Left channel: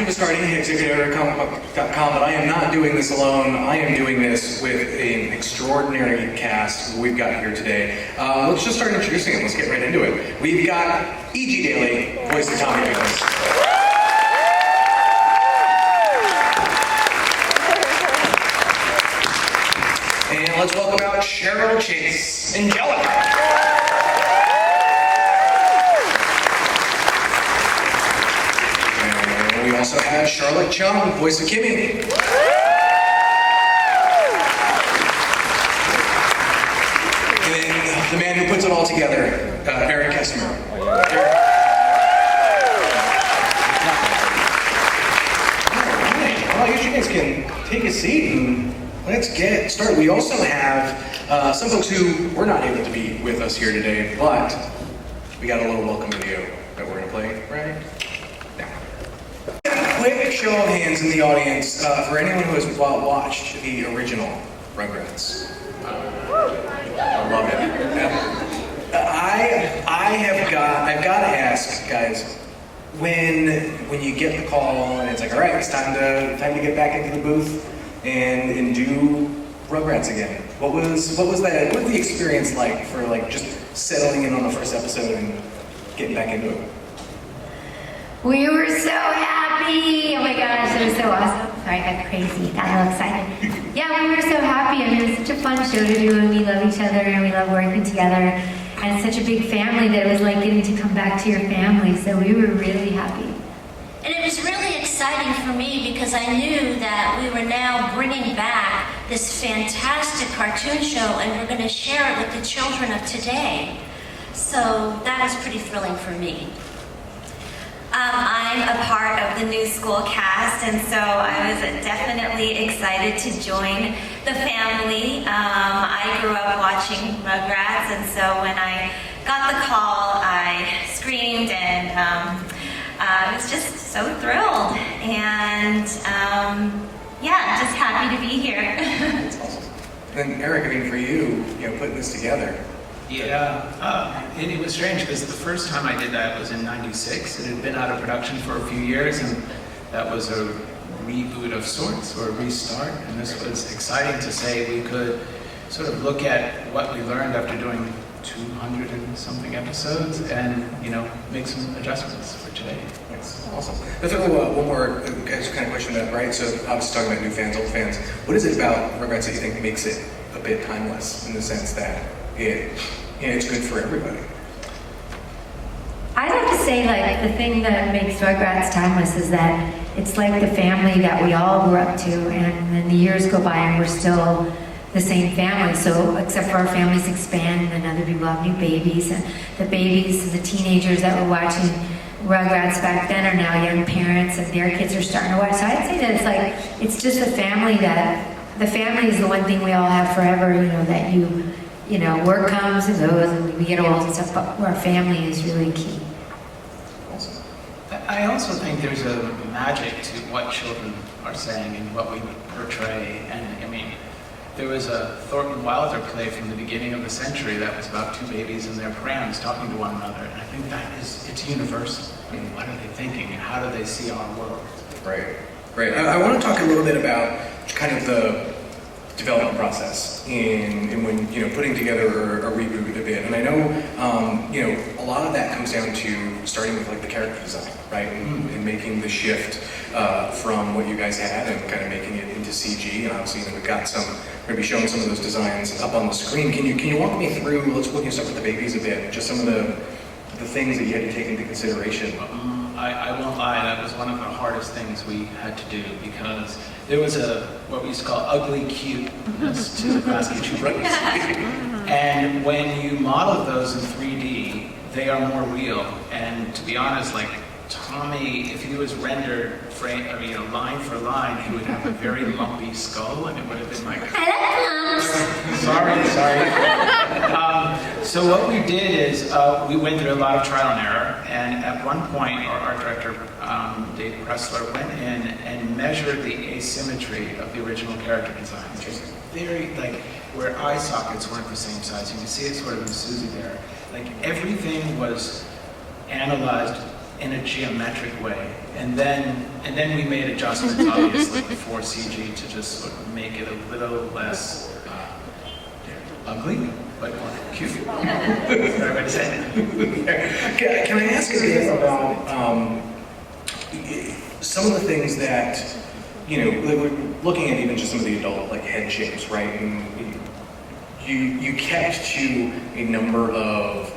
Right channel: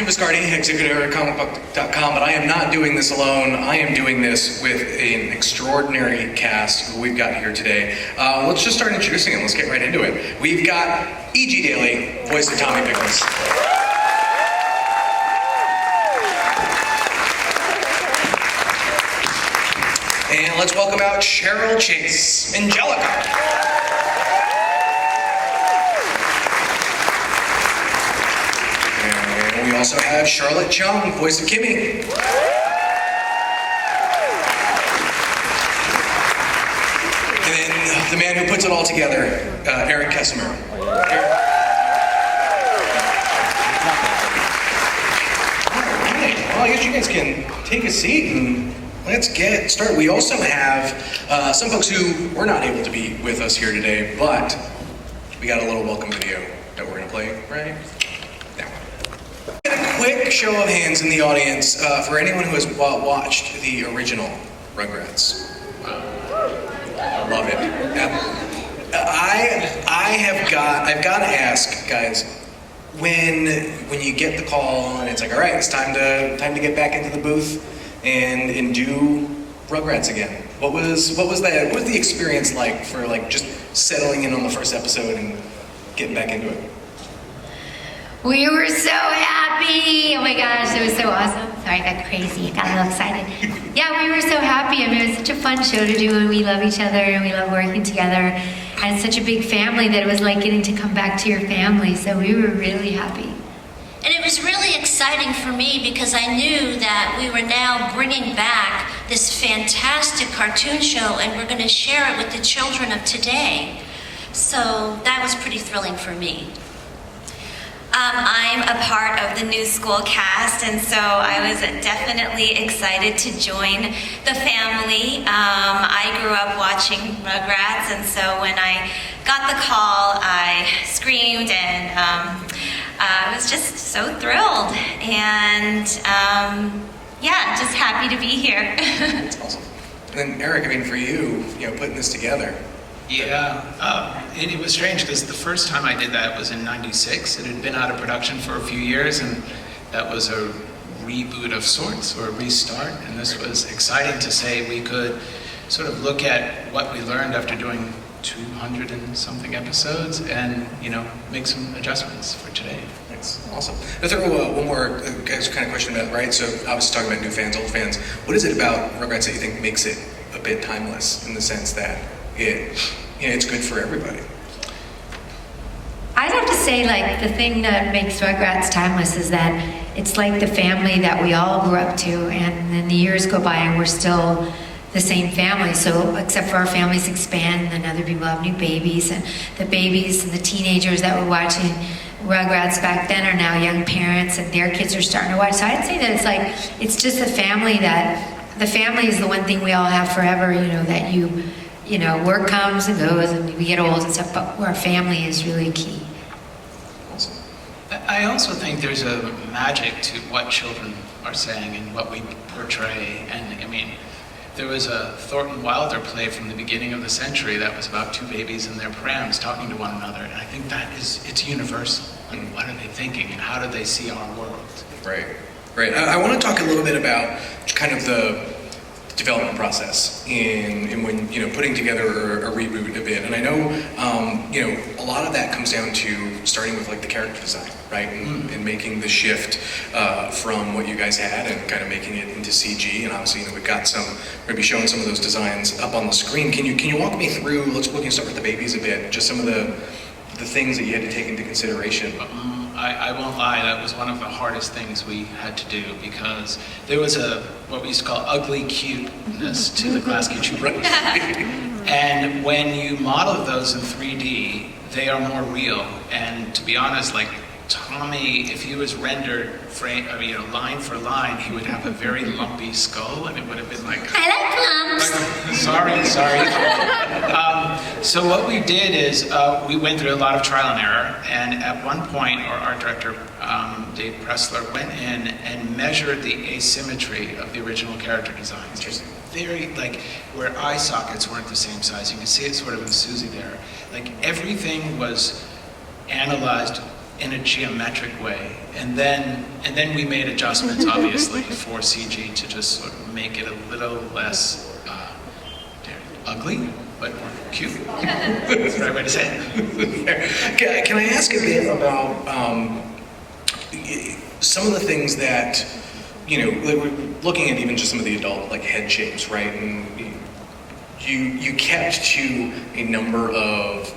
Jim Viscardi, executive at comicbook.com, but I am not doing this alone. I am doing this with an extraordinary cast who we've got here today. Let's just start introducing them. Let's get right into it. We've got E.G. Daily, voice of Tommy Pickles. And let's welcome out Cheryl Chase, Angelica. We also have Charlet Chung, voice of Kimi. And the man who puts it all together, Eryk Casemiro. Well, I guess you guys can take a seat and let's get started. We also have some folks who were not able to be with us here today, but we got a little welcome video that we're going to play right now. Quick show of hands in the audience for anyone who has watched the original Rugrats. I love it. I've got to ask, guys, when you get the call and it's like, all right, it's time to get back into the booth and do Rugrats again. What was that? What was the experience like for just settling in on the first episode and getting back into it? We were so happy! Oh my gosh, it was so awesome. Sorry, I got crazy, got a little excited. Yeah, we were so happy. I mean, it was such a fun show to do, and we love each other, and we love working together. And it's such a big family that it was like getting to come back to your family, so we were really happy. And it was really exciting for me because I knew that we were now bringing back this fantastic cartoon show, and we're going to share it with the children of today. So that was pretty thrilling for me. I'm a part of the new school cast, and so I was definitely excited to join the family. I grew up watching Rugrats, and so when I got the call, I screamed and I was just so thrilled. And yeah, just happy to be here. That's awesome. And then Eryk, I mean, for you, putting this together. Yeah, it was strange because the first time I did that was in '96. It had been out of production for a few years, and that was a reboot of sorts, or a restart. And this was exciting to say we could sort of look at what we learned after doing 200 and something episodes and, make some adjustments for today. That's awesome. Let's throw one more kind of question about, right? So obviously talking about new fans, old fans. What is it about Rugrats that you think makes it a bit timeless in the sense that it's good for everybody? I'd have to say, the thing that makes Rugrats timeless is that it's like the family that we all grew up to, and then the years go by and we're still the same family. So except for our families expand and other people have new babies, and the babies and the teenagers that were watching Rugrats back then are now young parents and their kids are starting to watch. So I'd say that it's just the family is the one thing we all have forever, that work comes and goes and we get old and stuff, but our family is really key. Awesome. I also think there's a magic to what children are saying and what we portray. And I mean, there was a Thornton Wilder play from the beginning of the century that was about two babies in their prams talking to one another. And I think it's universal. I mean, what are they thinking and how do they see our world? Right. I want to talk a little bit about kind of the development process in when putting together a reboot a bit, and I know a lot of that comes down to starting with the character design, right, and making the shift from what you guys had and kind of making it into CG. And obviously we've got we're going to be showing some of those designs up on the screen. Can you walk me through? We can start with the babies a bit. Just some of the things that you had to take into consideration. I won't lie, that was one of the hardest things we had to do because there was what we used to call ugly cuteness to the classic children. And when you model those in 3D, they are more real. And to be honest, Tommy, if he was rendered line for line, he would have a very lumpy skull, and it would have been I like lumps. Sorry. So what we did is we went through a lot of trial and error, and at one point our art director, Dave Pressler, went in and measured the asymmetry of the original character designs. Just very, where eye sockets weren't the same size. You can see it sort of in Susie there. Everything was analyzed in a geometric way. And then we made adjustments, obviously, for CG to just sort of make it a little less ugly, but more cute. That's the right way to say it. Can I ask a bit about some of the things that, looking at even just some of the adult head shapes, right? And you kept to a number of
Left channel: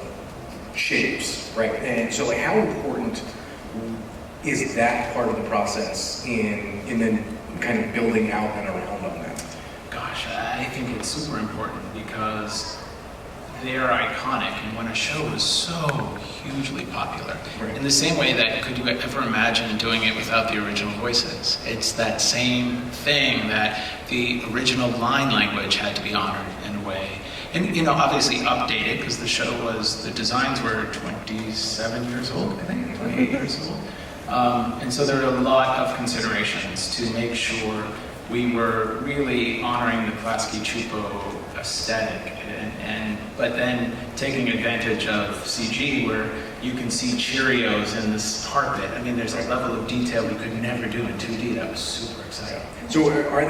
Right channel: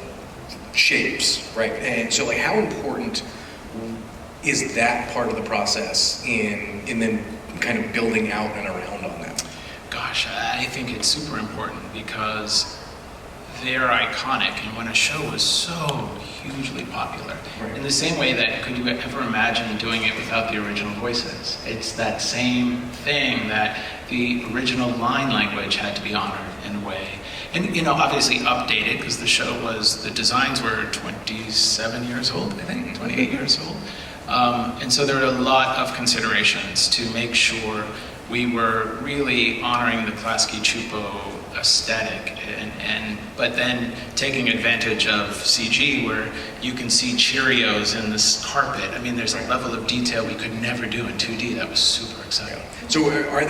shapes, right? And so how important is that part of the process in then kind of building out and around on that? Gosh, I think it's super important because they're iconic, and when a show was so hugely popular, right. In the same way that could you ever imagine doing it without the original voices? It's that same thing that the original line language had to be honored in a way. And, obviously updated, because the designs were 27 years old, I think, 28 years old. And so there were a lot of considerations to make sure we were really honoring the Klasky Chupo aesthetic, but then taking advantage of CG where you can see Cheerios in this carpet. I mean, there's a level of detail we could never do in 2D. That was super exciting. So I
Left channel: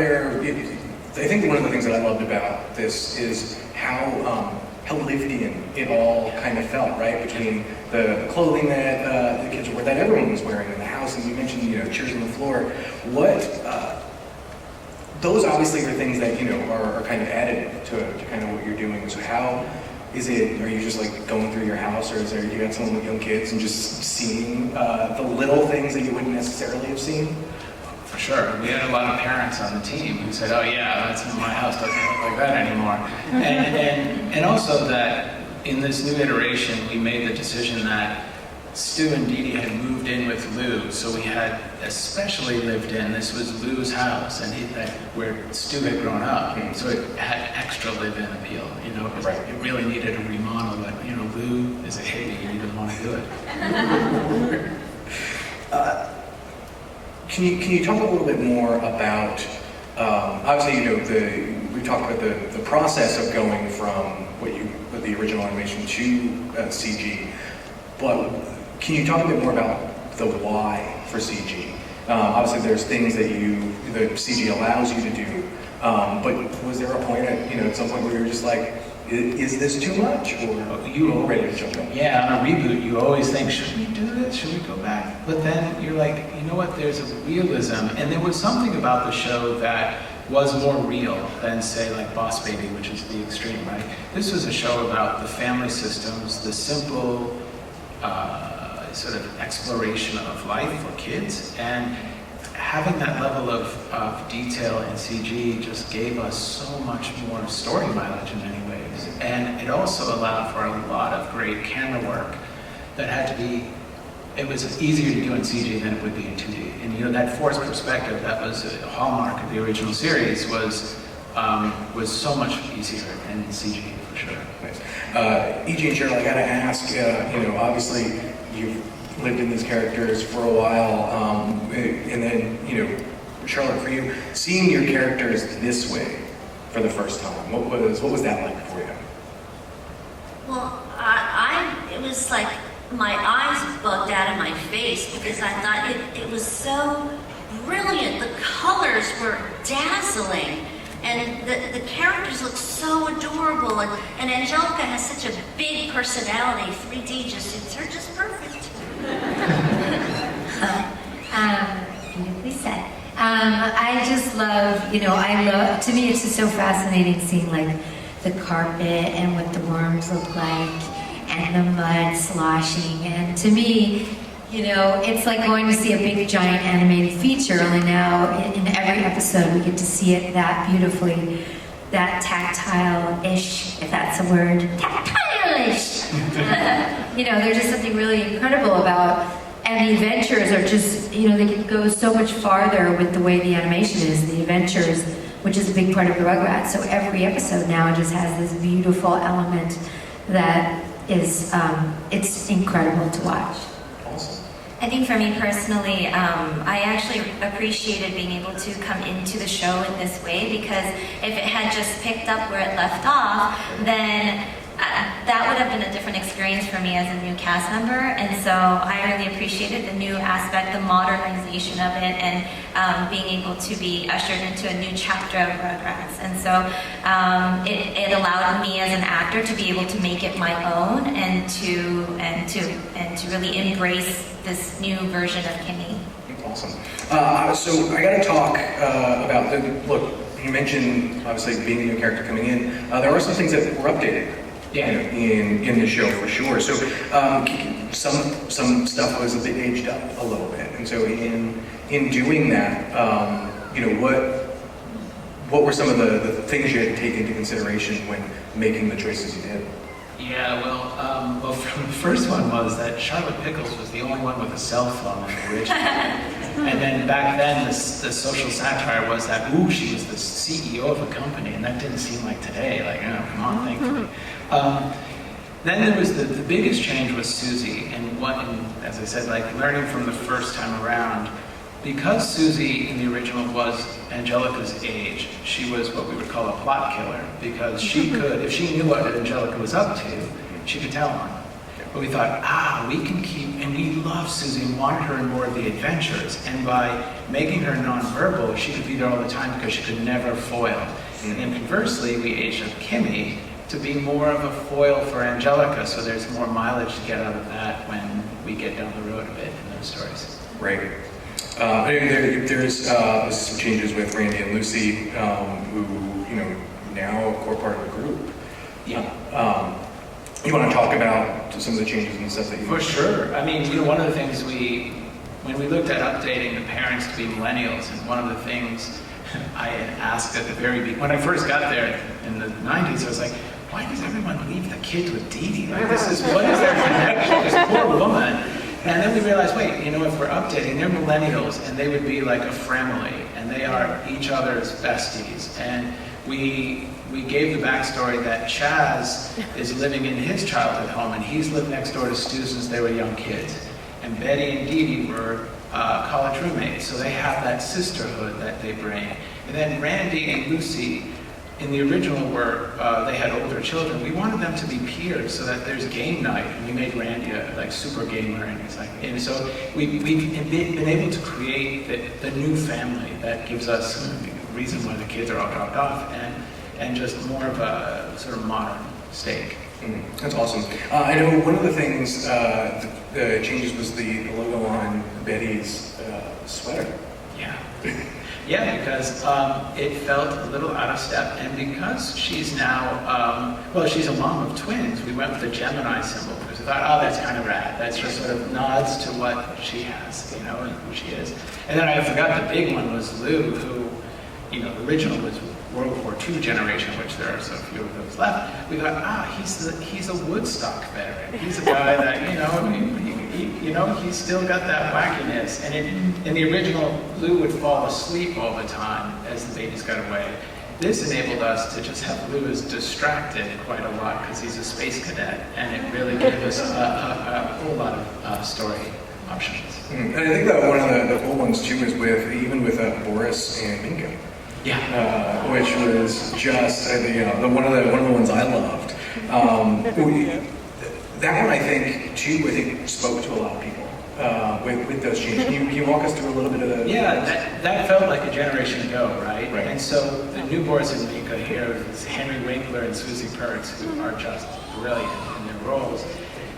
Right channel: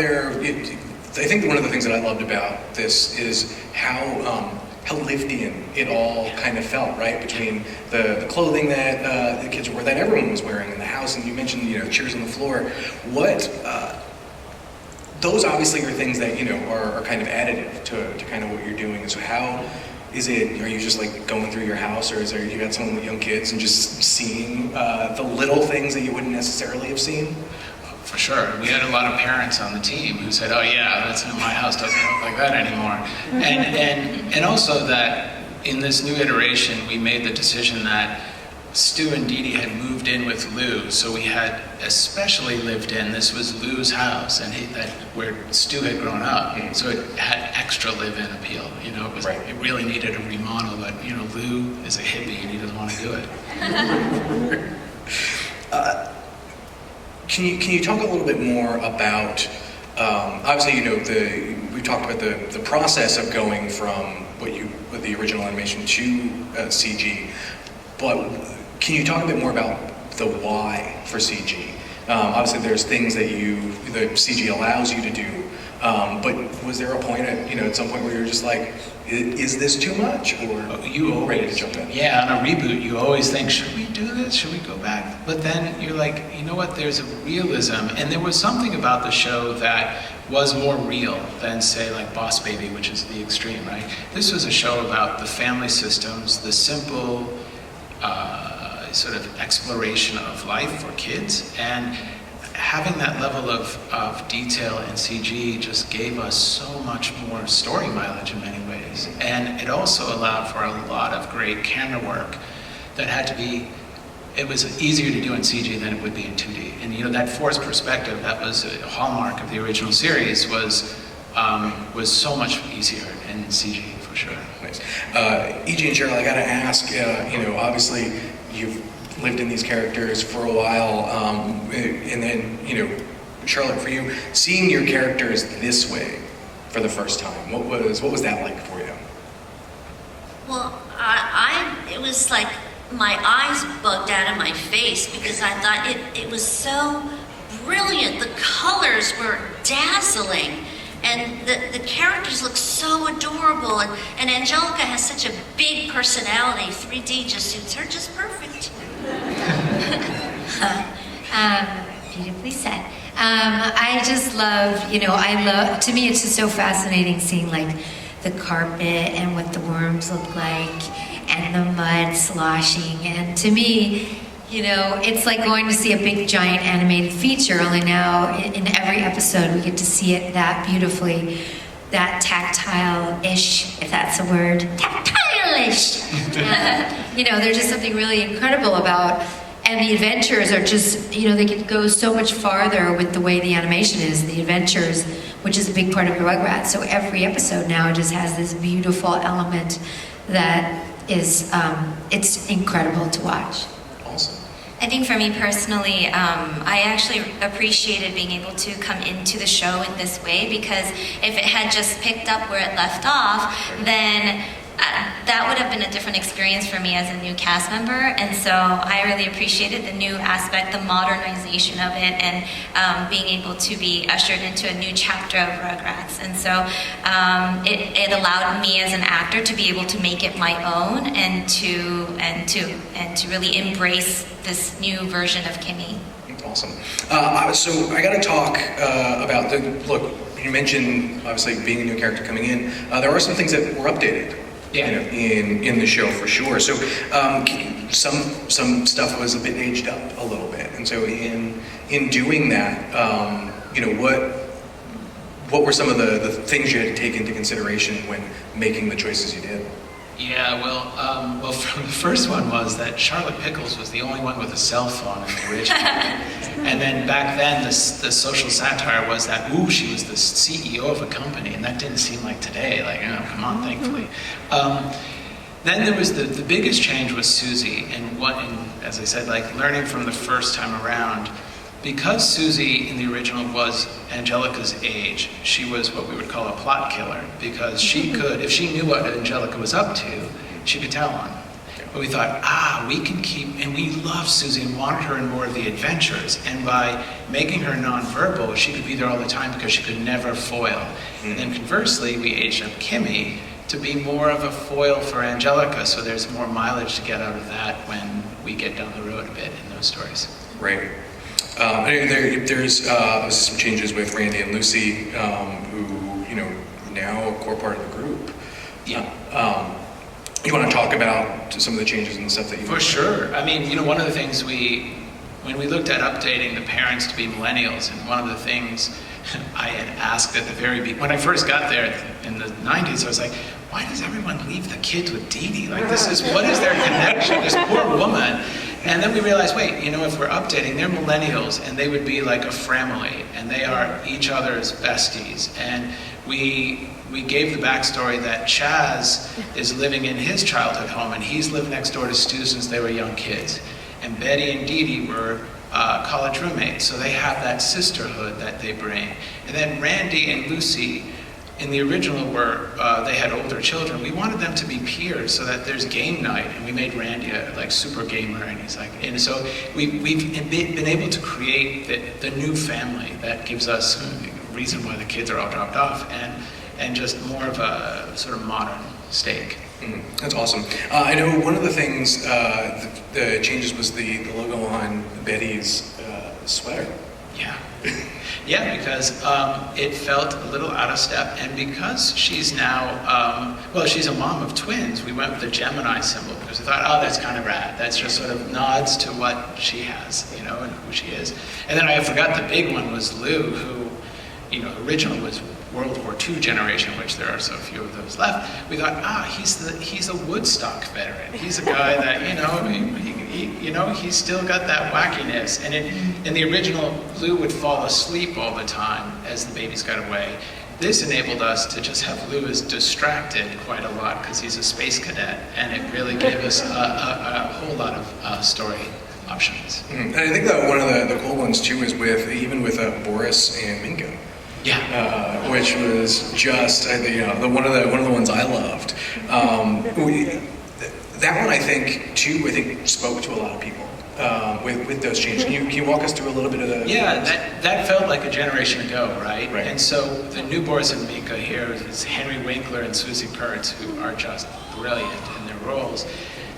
think one of the things that I loved about this is how Liftian it all kind of felt, right? Between the clothing that the kids wore, that everyone was wearing in the house, and you mentioned, Cheers on the floor. Those obviously are things that, are kind of additive to kind of what you're doing. So how is it, are you just going through your house, or you got someone with young kids and just seeing the little things that you wouldn't necessarily have seen? For sure. We had a lot of parents on the team who said, oh yeah, my house doesn't look like that anymore. And also that in this new iteration, we made the decision that Stu and Dee Dee had moved in with Lou, so we had especially lived in. This was Lou's house, and where Stu had grown up, so it had extra live-in appeal. It really needed a remodel, but Lou is a hippie and he doesn't want to do it. Can you talk a little bit more about? Obviously, we talked about the process of going from the original animation to CG, but can you talk a bit more about the why for CG? Obviously, there's things that the CG allows you to do, but was there a point at some point where you're just like, is this too much, or you already to jump in? Yeah, on a reboot, you always think, should we do this? Should we go back? But then you're like, you know what? There's a realism, and there was something about the show that was more real than, say, like Boss Baby, which is the extreme, right? This was a show about the family systems, the simple sort of exploration of life for kids, and having that level of detail in CG just gave us so much more story mileage in many ways. And it also allowed for a lot of great camera work that had to be, it was easier to do in CG than it would be in 2D. And that forced perspective that was a hallmark of the original series was so much easier in CG for sure. Nice. E.J. and Cheryl, I gotta ask, obviously you've lived in these characters for a while, and then, Charlotte, for you, seeing your characters this way for the first time, what was that like for you? Well, it was like my eyes bugged out of my face because I thought it was so brilliant. The colors were dazzling. And the characters look so adorable, and Angelica has such a big personality. 3D just suits her just perfect. Beautifully said. I just love, to me it's just so fascinating seeing the carpet and what the worms look like and the mud sloshing. And to me, it's like going to see a big giant animated feature, only now in every episode we get to see it that beautifully, that tactile-ish, if that's a word, tactile-ish. There's just something really incredible about, and the adventures are just, they can go so much farther with the way the animation is, the adventures, which is a big part of the Rugrats. So every episode now just has this beautiful element that is, it's incredible to watch. Awesome. I think for me personally, I actually appreciated being able to come into the show in this way, because if it had just picked up where it left off, then that would have been a different experience for me as a new cast member, and so I really appreciated the new aspect, the modernization of it, and being able to be ushered into a new chapter of Rugrats. And so it allowed me as an actor to be able to make it my own and to really embrace this new version of Kimi. Awesome. So I got to talk about look. You mentioned obviously being a new character coming in. There are some things that were updated. Yeah. In the show for sure. So some stuff was a bit aged up a little bit, and so in doing that, what were some of the things you had to take into consideration when making the choices you did? Yeah, well, the first one was that Charlotte Pickles was the only one with a cell phone in the original. And then back then, the social satire was that, she was the CEO of a company, and that didn't seem like today, like, come on, thankfully. Then there was the biggest change was Susie, and as I said, like, learning from the first time around, because Susie in the original was Angelica's age, she was what we would call a plot killer, because she could, if she knew what Angelica was up to, she could tell on her. But we thought, we can keep, and we loved Susie and wanted her in more of the adventures, and by making her nonverbal, she could be there all the time because she could never foil. And then conversely, we aged up Kimi to be more of a foil for Angelica, so there's more mileage to get out of that when we get down the road a bit in those stories. Right. There's some changes with Randy and Lucy, who now a core part of the group. Yeah. You want to talk about some of the changes and stuff that you? For sure. I mean, one of the things when we looked at updating the parents to be millennials, and one of the things I had asked at the very beginning, when I first got there in the 90s, I was like, why does everyone leave the kids with Dee Dee? Like, what is their connection? This poor woman. And then we realized, if we're updating, they're millennials, and they would be like a family, and they are each other's besties. And we gave the backstory that Chaz is living in his childhood home, and he's lived next door to Stu since they were young kids. And Betty and Dee Dee were college roommates, so they have that sisterhood that they bring. And then Randy and Lucy, in the original were, they had older children. We wanted them to be peers so that there's game night, and we made Randy a super gamer, and so we've been able to create the new family that gives us the reason why the kids are all dropped off, and just more of a sort of modern stake. That's awesome. I know one of the things, the changes was the logo on Betty's sweater. Yeah. Yeah, because it felt a little out of step, and because she's now, she's a mom of twins, we went with the Gemini symbol, because we thought, that's kind of rad. That's just sort of nods to what she has, and who she is. And then I forgot the big one was Lou, who, the original was World War II generation, which there are so few of those left. We thought, he's a Woodstock veteran. He's a guy that, he's still got that wackiness. And in the original, Lou would fall asleep all the time as the babies got away. This enabled us to just have Lou as distracted quite a lot because he's a space cadet, and it really gave us a whole lot of story options. And I think that one of the cool ones too is with Boris and Minka. Yeah. Which was just one of the ones I loved. That one I think spoke to a lot of people with those changes. Can you walk us through a little bit of the? Yeah, that felt like a generation ago, right? And so the new Boris and Minka here is Henry Winkler and Susie Pertz, who are just brilliant in their roles.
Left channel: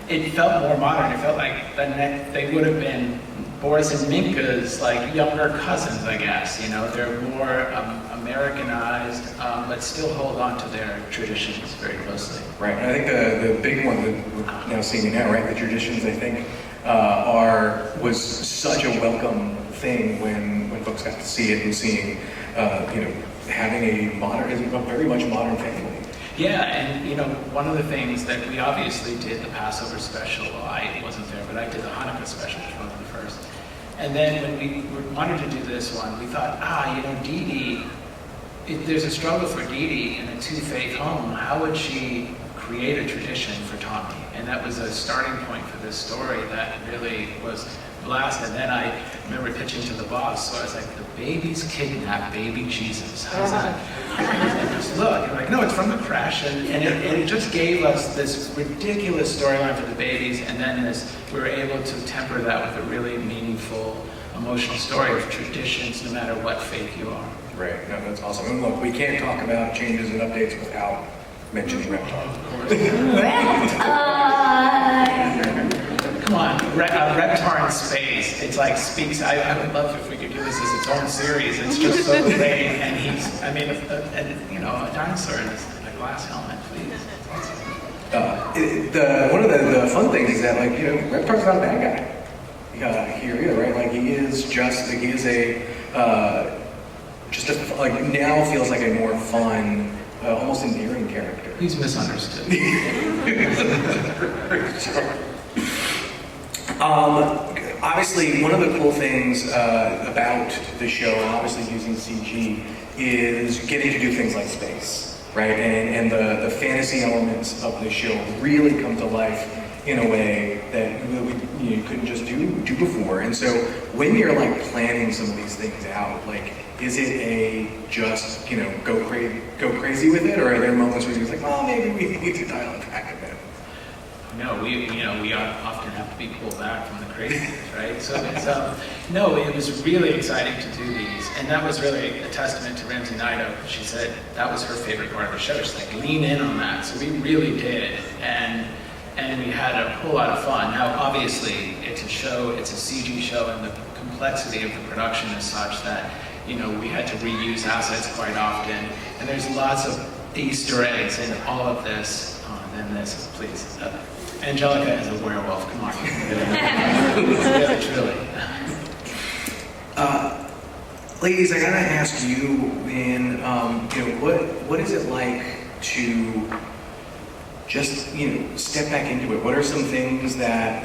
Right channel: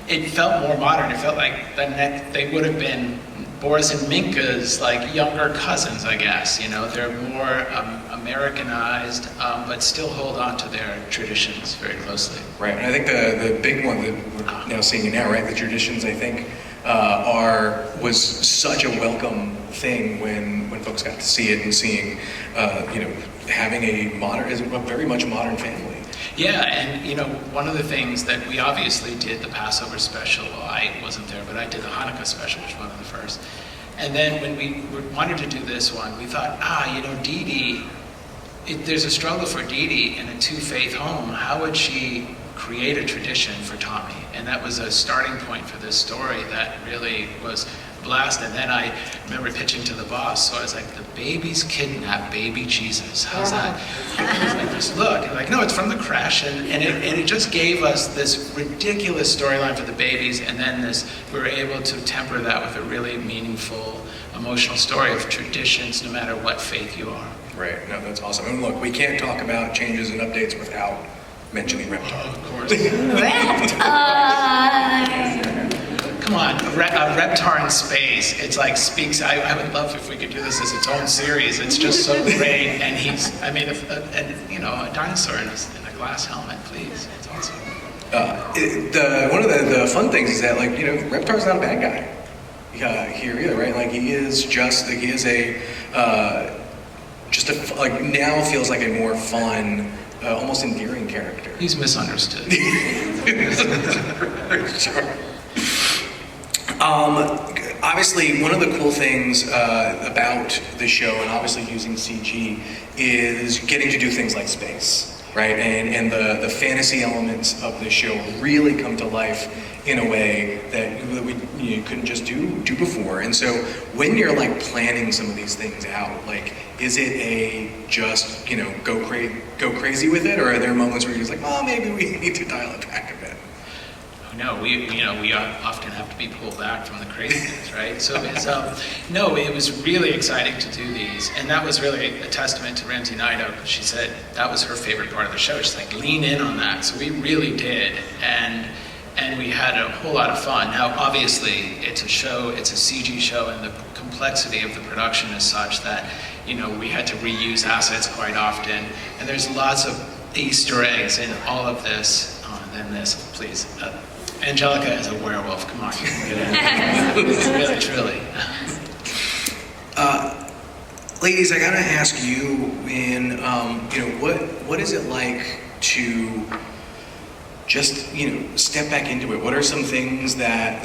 It felt more modern. It felt like they would have been Boris and Minka's younger cousins, I guess. They're more Americanized, but still hold on to their traditions very closely. Right, and I think the big one that we're now seeing now, right? The traditions, I think, was such a welcome thing when folks got to see it and seeing, having a very much modern family. Yeah, and one of the things that we obviously did the Passover special. Well, I wasn't there, but I did the Hanukkah special, which was one of the first. And then when we wanted to do this one, we thought, Dee Dee, there's a struggle for Dee Dee in a two-faith home. How would she create a tradition for Tommy. And that was a starting point for this story that really was blast. And then I remember pitching to the boss, so I was like, the babies kidnap baby Jesus. How's that? And just look, and like, no, it's from the crash. And it just gave us this ridiculous storyline for the babies, and then we were able to temper that with a really meaningful, emotional story of traditions, no matter what faith you are. Right, no, that's awesome. And look, we can't talk about changes and updates without mentioning Reptar. Of course. Reptar! Come on, Reptar in space. It's like speaks. I would love if we could do this as its own series. It's just so great, and a dinosaur in a glass helmet, please. It's awesome. One of the fun things is that, like, Reptar's not a bad guy here either, right? Like, he is now feels like a more fun, almost endearing character. He's misunderstood. Obviously, one of the cool things about the show, and obviously using CG, is getting to do things like space, right? And the fantasy elements of the show really come to life in a way that you couldn't just do before. And so when you're like planning some of these things out, like, is it just go crazy with it, or are there moments where you're just like, oh, maybe we need to dial it back a bit? No, we often have to be pulled back from the craziness, right? So it was really exciting to do these, and that was really a testament to Ramsey Nido. She said that was her favorite part of the show. She's like, lean in on that. So we really did, and we had a whole lot of fun. Now, obviously, it's a show, it's a CG show, and the complexity of the production is such that we had to reuse assets quite often, and there's lots of Easter eggs in all of this. Then this, please. Angelica is a werewolf. Come on. Really. Ladies, I gotta ask you, what is it like to just step back into it? What are some things that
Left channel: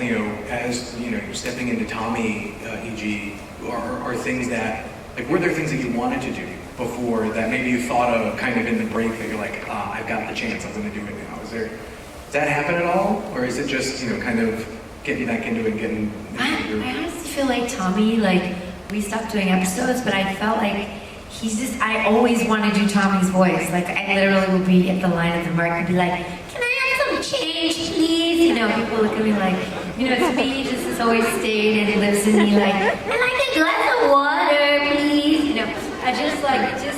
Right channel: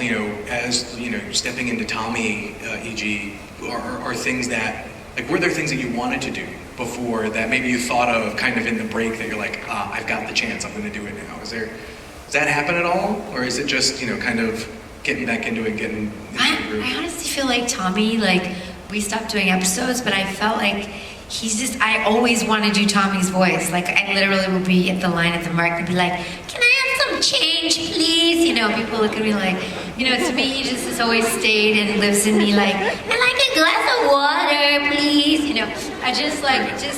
as stepping into Tommy, e.g., are things that, like, were there things that you wanted to do before that maybe you thought of kind of in the break that you're like, I've got the chance, I'm going to do it now? Does that happen at all? Or is it just, kind of getting back into it, I honestly feel like Tommy, like, we stopped doing episodes, but I felt like I always want to do Tommy's voice. Like, I literally would be at the line at the market and be like, can I have some change, please? People look at me like, to me, he just has always stayed and lives in me like, I'd like a glass of water, please.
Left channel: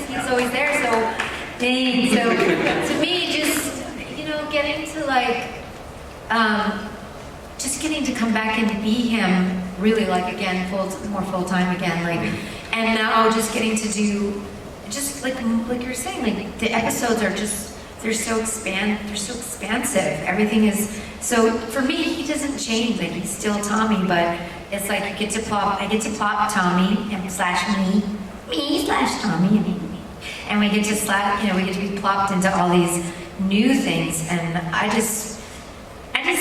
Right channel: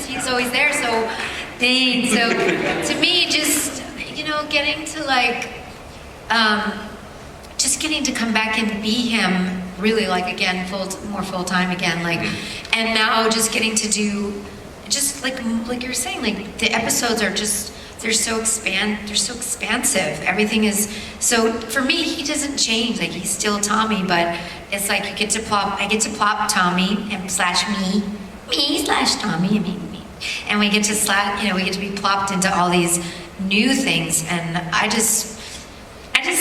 He's always there, so thanks. So to me, just, getting to just getting to come back and be him, really, like, again, more full-time again, like, and now just getting to do, just like you're saying, like, the episodes are just, they're so expansive. Everything is, so for me, he doesn't change, like, he's still Tommy, but it's like I get to plop Tommy and slash me slash Tommy, me. And we get to be plopped into all these new things, and I'm just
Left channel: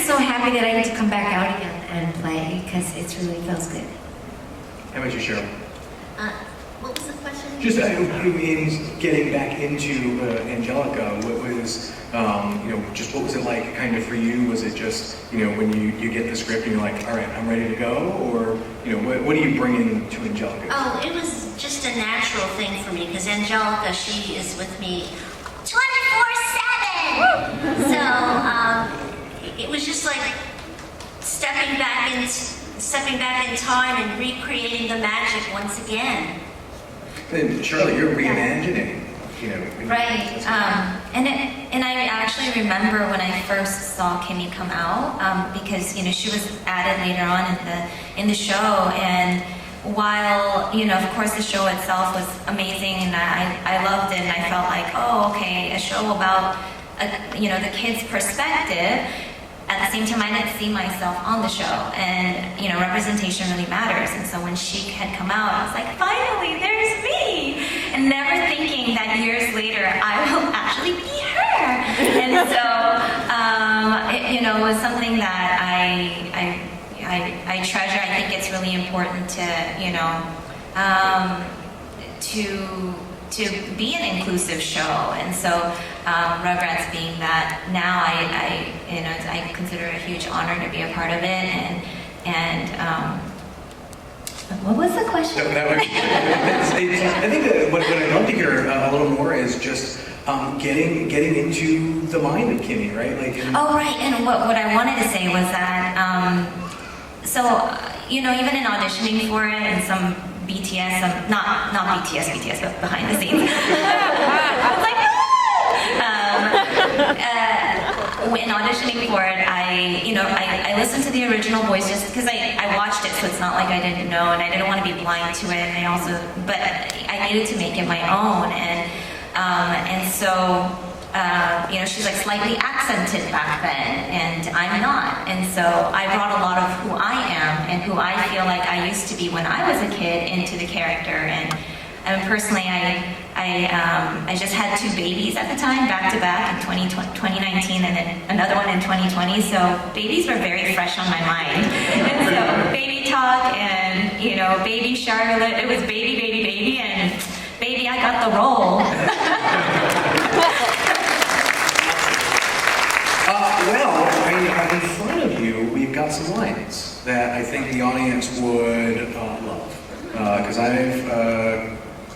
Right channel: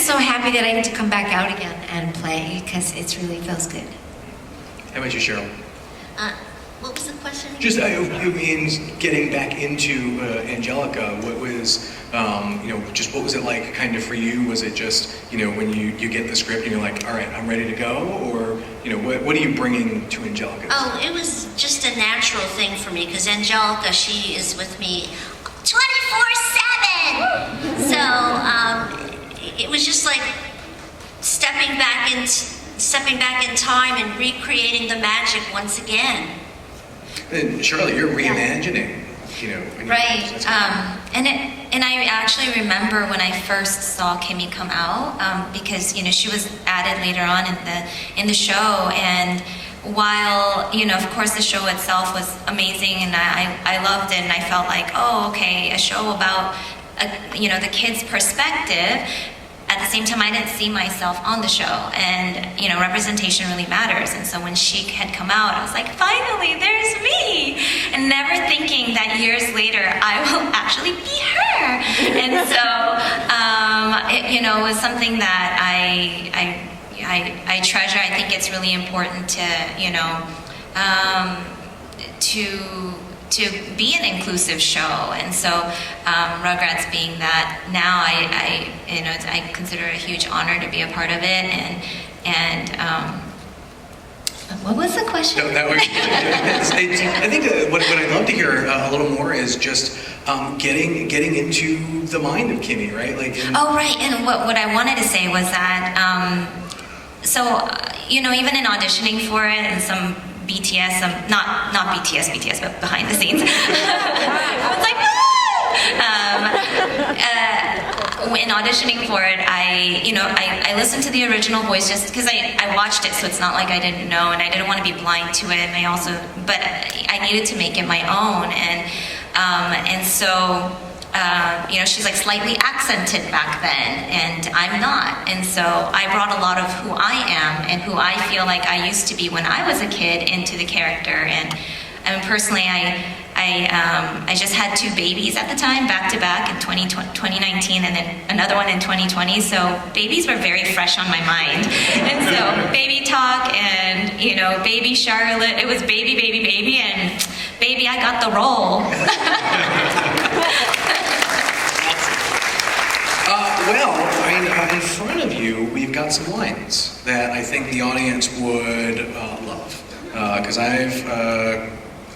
so happy that I get to come back out again and play, because it really feels good. How about you, Cheryl? What was the question? Just it means getting back into Angelica. What was just what was it like kind of for you? Was it just when you get the script and you're like, all right, I'm ready to go, or what are you bringing to Angelica? Oh, it was just a natural thing for me, because Angelica, she is with me 24/7. So it was just like stepping back in time and recreating the magic once again. And Charlotte, you're reimagining. Right. And I actually remember when I first saw Kimi come out, because she was added later on in the show, and while of course the show itself was amazing and I loved it, and I felt like, oh, okay, a show about the kids' perspective. At the same time, I didn't see myself on the show, and representation really matters. And so when she had come out, I was like, finally, there's me, and never thinking that years later I will actually be her. And so it was something that I treasure. I think it's really important to to be an inclusive show, and so Rugrats being that, now I consider it a huge honor to be a part of it, and what was the question? I think that what I'd love to hear a little more is just getting into the mind of Kimi, right? Oh, right. And what I wanted to say was that, even in auditioning for it, and some BTS, not BTS, but behind the scenes, I was like, in auditioning for it, I listened to the original voice just because I watched it, so it's not like I didn't know, and I didn't want to be blind to it, and but I needed to make it my own, and so she's like slightly accented back then, and I'm not, and so I brought a lot of who I am and who I feel like I used to be when I was a kid into the character, and personally, I just had 2 babies at the time, back to back, in 2019, and then another one in 2020. So babies were very fresh on my mind, and so baby talk and baby Charlotte. It was baby, and baby, I got the role. In front of you, we've got some lines that I think the audience would love, because I've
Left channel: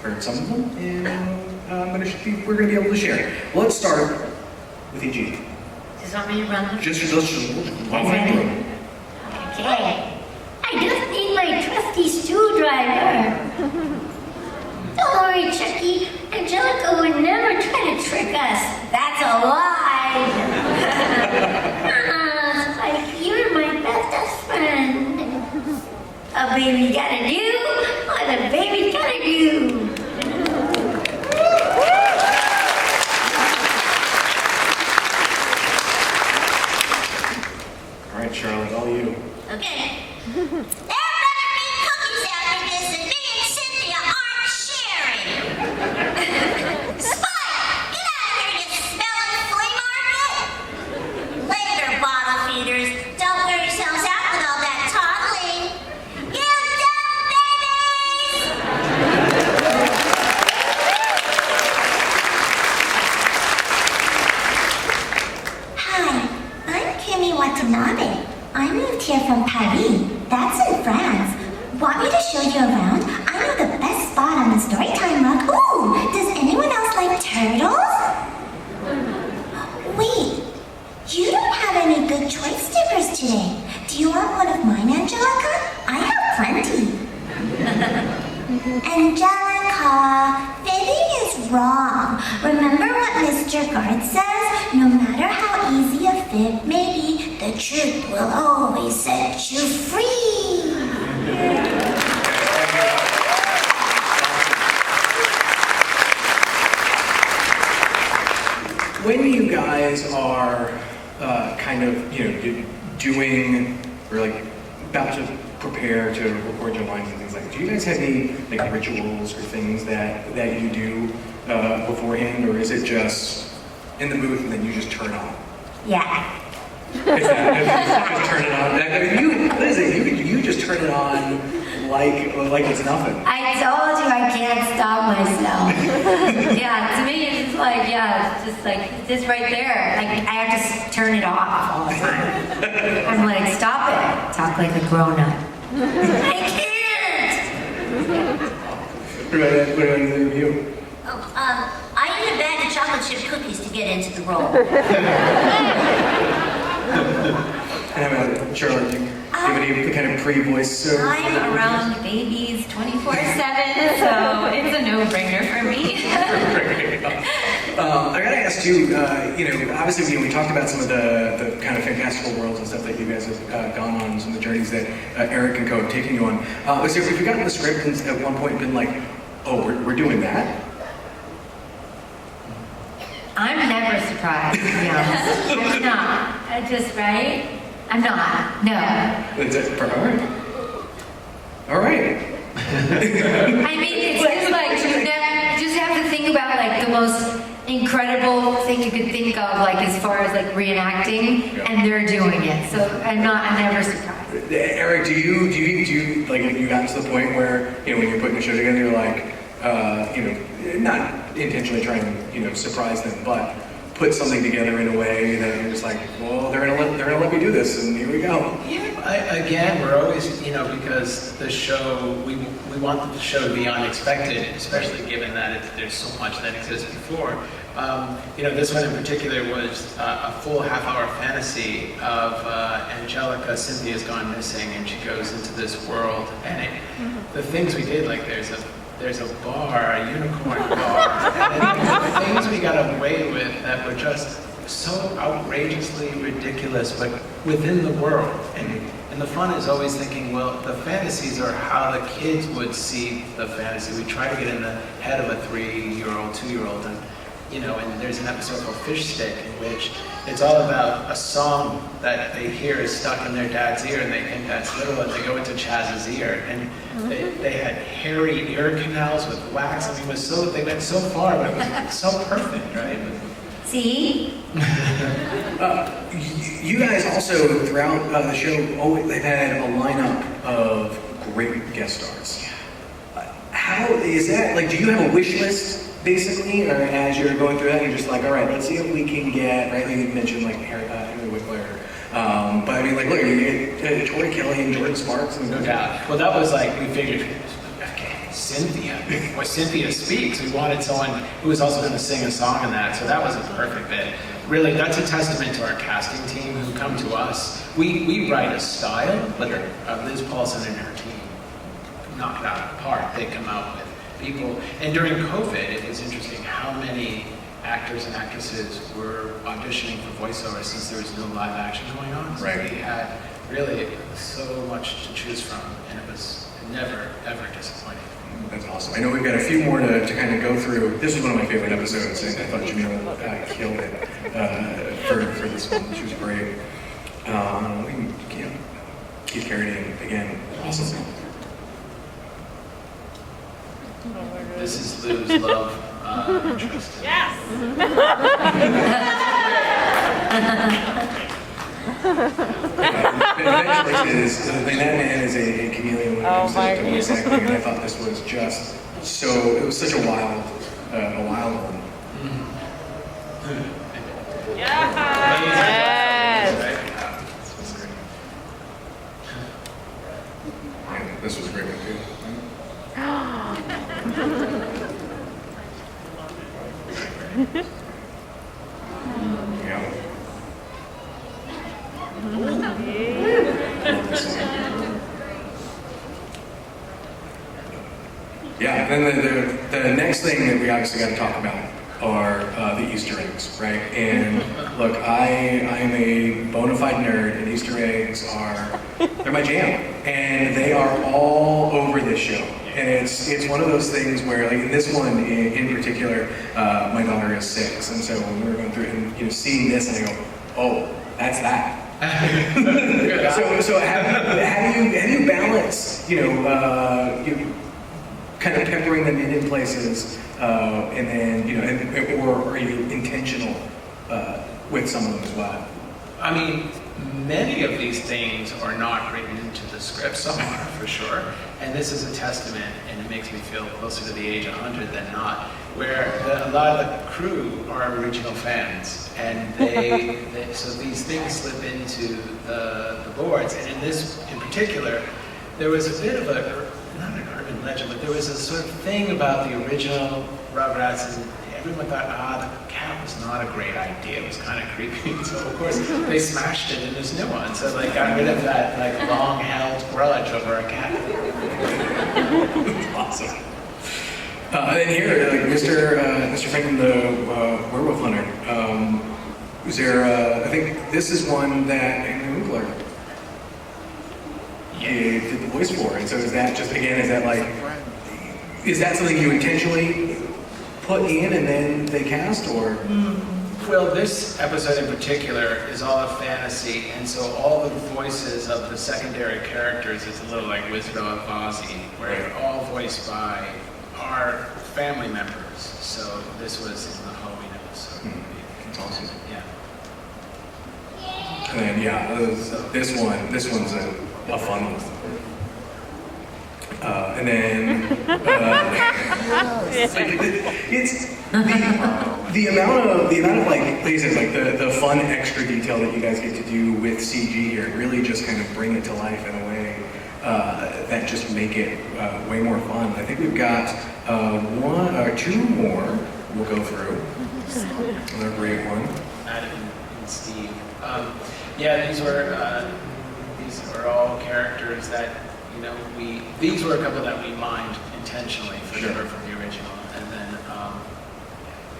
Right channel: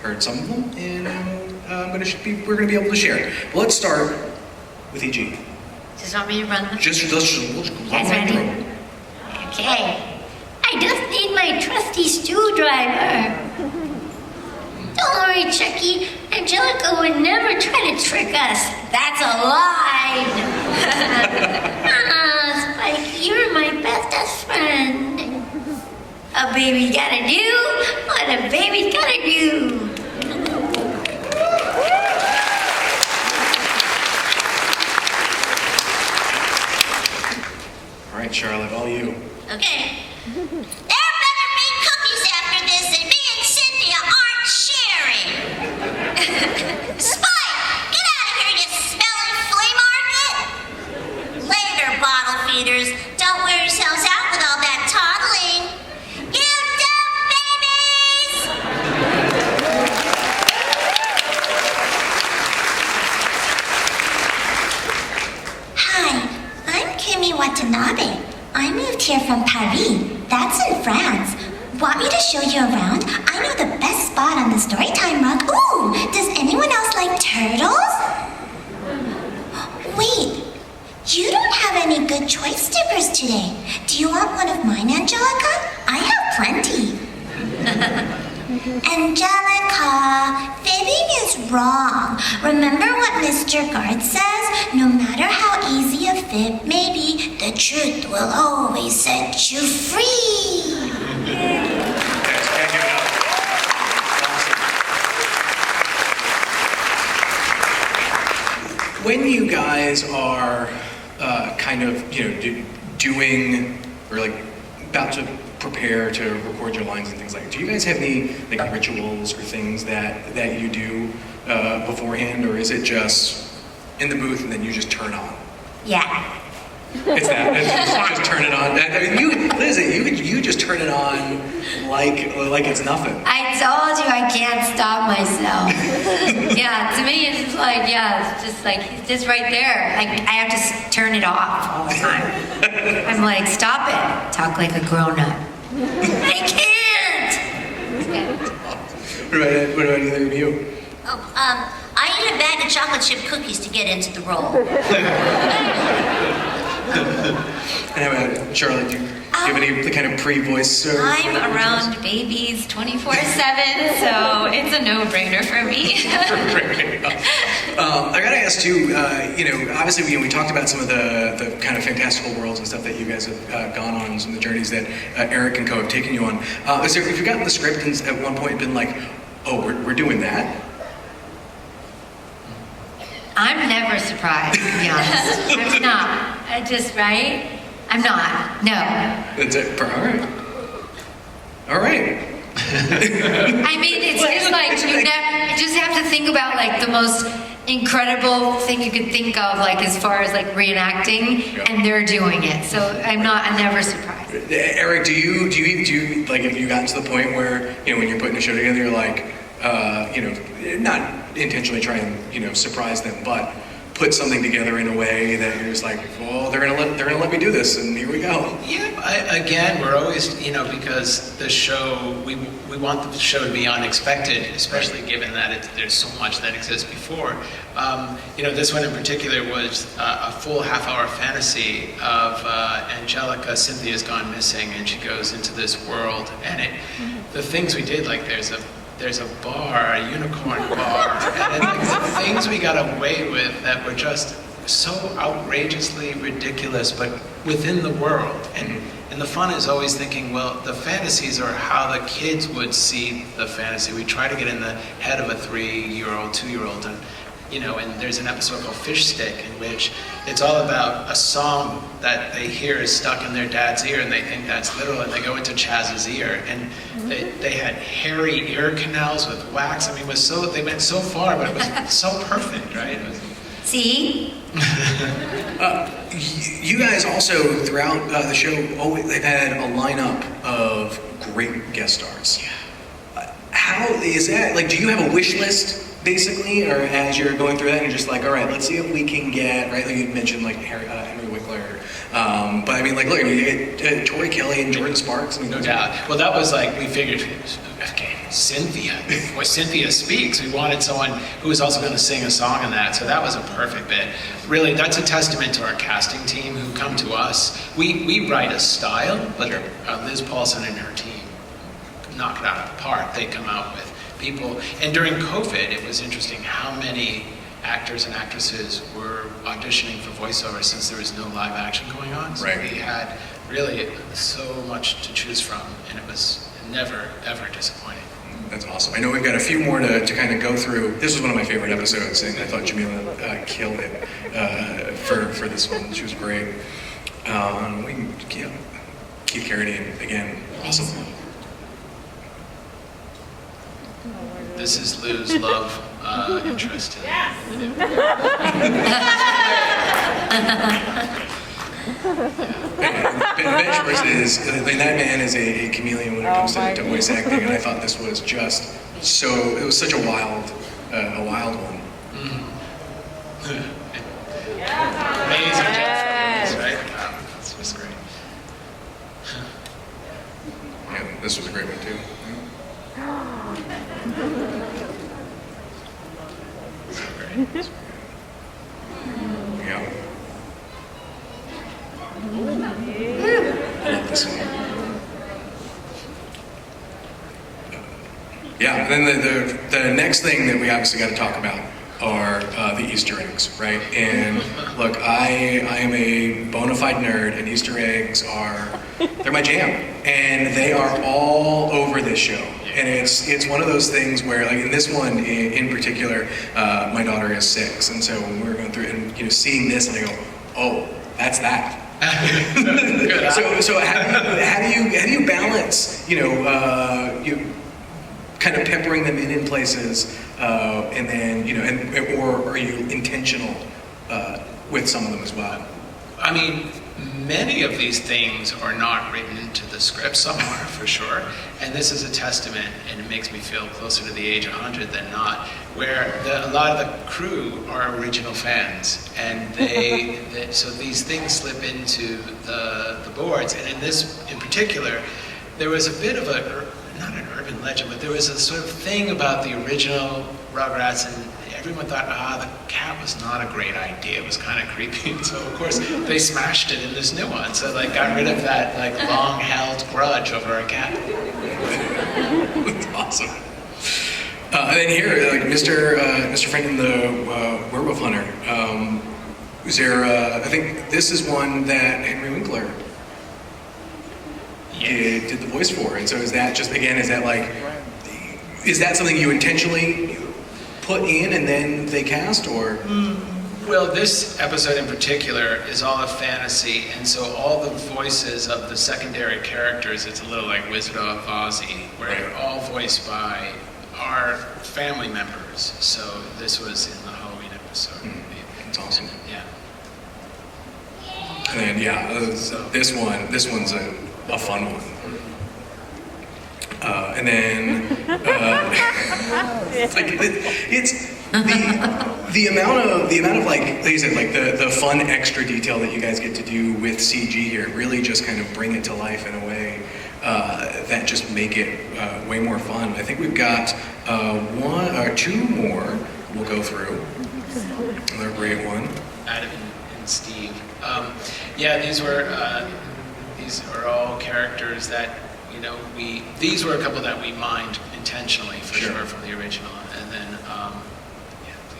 heard some of them, and we're going to be able to share. Let's start with E.G. Just want me to run them? Let's Guys ready? Okay. I just need my trusty screwdriver. Don't worry, Chuckie. Angelica would never try to trick us. That's a lie. Spike, you're my bestest friend. A baby gotta do what a baby's gotta do. All right, Charlotte, all you. Okay. There better be cookies after this, and me and Cynthia aren't sharing. Spike, get out of here, you smelling flea market! Later, bottle feeders. Don't wear yourselves out with all that toddling. You dumb babies! Hi, I'm Kimi Watanabe. I moved here from Paris. That's in France. Want me to show you around? I know the best spot on the Storytime rug. Ooh, does anyone else like turtles? Wait, you don't have any good choice stickers today. Do you want one of mine, Angelica? I have plenty. Angelica, fibbing is wrong. Remember what Mr. Guard says? No matter how easy a fib may be, the truth will always set you free. When you guys are doing or about to prepare to record your lines and things like that, do you guys have any rituals or things that you do beforehand, or is it just in the booth and then you just turn on? Yeah. It's that. Just turn it on. I mean, you just turn it on like it's nothing. I told you I can't stop myself. Yeah, to me it's it's just right there. I have to turn it off all the time. I'm like, stop it. Talk like a grown-up. I can't! What about either of you? I eat a bag of chocolate chip cookies to get into the role. And how about Charlotte? Do you have any kind of pre-voice? I'm around babies 24/7, so it's a no-brainer for me. I gotta ask too. Obviously, we talked about some of the kind of fantastical worlds and stuff that you guys have gone on, some of the journeys that Eryk and Co have taken you on. But so if you got the script and at one point been like, "Oh, we're doing that." I'm never surprised, to be honest. I'm not. I'm not. No. That's it. All right. All right. I mean, it's just you just have to think about the most incredible thing you could think of, as far as reenacting, and they're doing it. So I'm never surprised. Eryk, do you have you gotten to the point where when you're putting the show together, you're like, not intentionally try and surprise them, but put something together in a way that it was like, well, they're gonna let me do this, and here we go. Yeah, again, we're always, because the show, we want the show to be unexpected, especially given that there's so much that exists before. This one in particular was a full half-hour fantasy of Angelica. Cynthia's gone missing, and she goes into this world, and the things we did, like there's a bar, a unicorn bar, and the things we got away with that were just so outrageously ridiculous, but within the world. And the fun is always thinking, well, the fantasies are how the kids would see the fantasy. We try to get in the head of a 3-year-old, 2-year-old, and there's an episode called Fish Stick in which it's all about a song that they hear is stuck in their dad's ear, and they think that's literal, and they go into Chaz's ear, and they had hairy ear canals with wax. I mean, they went so far, but it was so perfect, right? See? You guys also, throughout the show, they've had a lineup of great guest stars. How is that? Like, do you have a wish list? Basically, or as you're going through that, you're just like, all right, let's see if we can get, right, like you mentioned, like Henry Winkler. But I mean, like, look, we get Tori Kelly and Jordan Sparks. I mean, Yeah, well, that was like, we figured, okay, Cynthia, when Cynthia speaks, we wanted someone who was also going to sing a song in that, so that was a perfect bit. Really, that's a testament to our casting team who come to us. We write a style, but Liz Paulson and her team knock it out of the park. They come out with people, and during COVID, it was interesting how many actors and actresses were auditioning for voiceover since there was no live action going on. So right. We had really so much to choose from, and it was never, ever disappointing. That's awesome. I know we've got a few more to kind of go through. This was one of my favorite episodes, and I thought Jamila killed it for this one. She was great. Keith Carradine, again, awesome. This is Lou's love interest. Yes. Adventurous is, that man is a chameleon when it comes to voice acting, and I thought this was just so, it was such a wild one. Amazing, right? This was great. Yeah, this was a great one too. Yeah. Yeah, and then the next thing that we obviously got to talk about are the Easter eggs, right? And look, I am a bona fide nerd, and Easter eggs they're my jam, and they are all over this show. And it's one of those things where, like in this one in particular, my daughter is 6, and so when we were going through and seeing this, and I go, oh, that's that. so how do you balance you kind of peppering them in places, and then or are you intentional with some of them as well? I mean, many of these things are not written into the script, some are for sure, and this is a testament, and it makes me feel closer to the age of 100 than not, where a lot of the crew are original fans, and so these things slip into the boards, and in this in particular, there was a bit of not an urban legend, but there was a sort of thing about the original Rugrats, and everyone thought, the cat was not a great idea. It was kind of creepy. So of course they smashed it in this new one. So they got rid of that long-held grudge over a cat. That's awesome. And here, Mr. Franklin, the werewolf hunter. Was there? I think this is one that Henry Winkler did the voice for. And so is that something you intentionally put in and then they cast, or? Well, this episode in particular is all a fantasy, and so all the voices of the secondary characters, it's a little like Wizard of Oz, where they're all voiced by our family members. So this was in the Halloween episode. That's awesome. Yeah. And this one's a fun one. And then, it's the amount of like you said, like the fun extra detail that you guys get to do with CG here really just kind of bring it to life in a way that just make it way more fun. I think we've got one or two more we'll go through. Another great one. Adam and Steve. Yeah, these are all characters that, you know, these were a couple that we mined intentionally for sure from the original, and then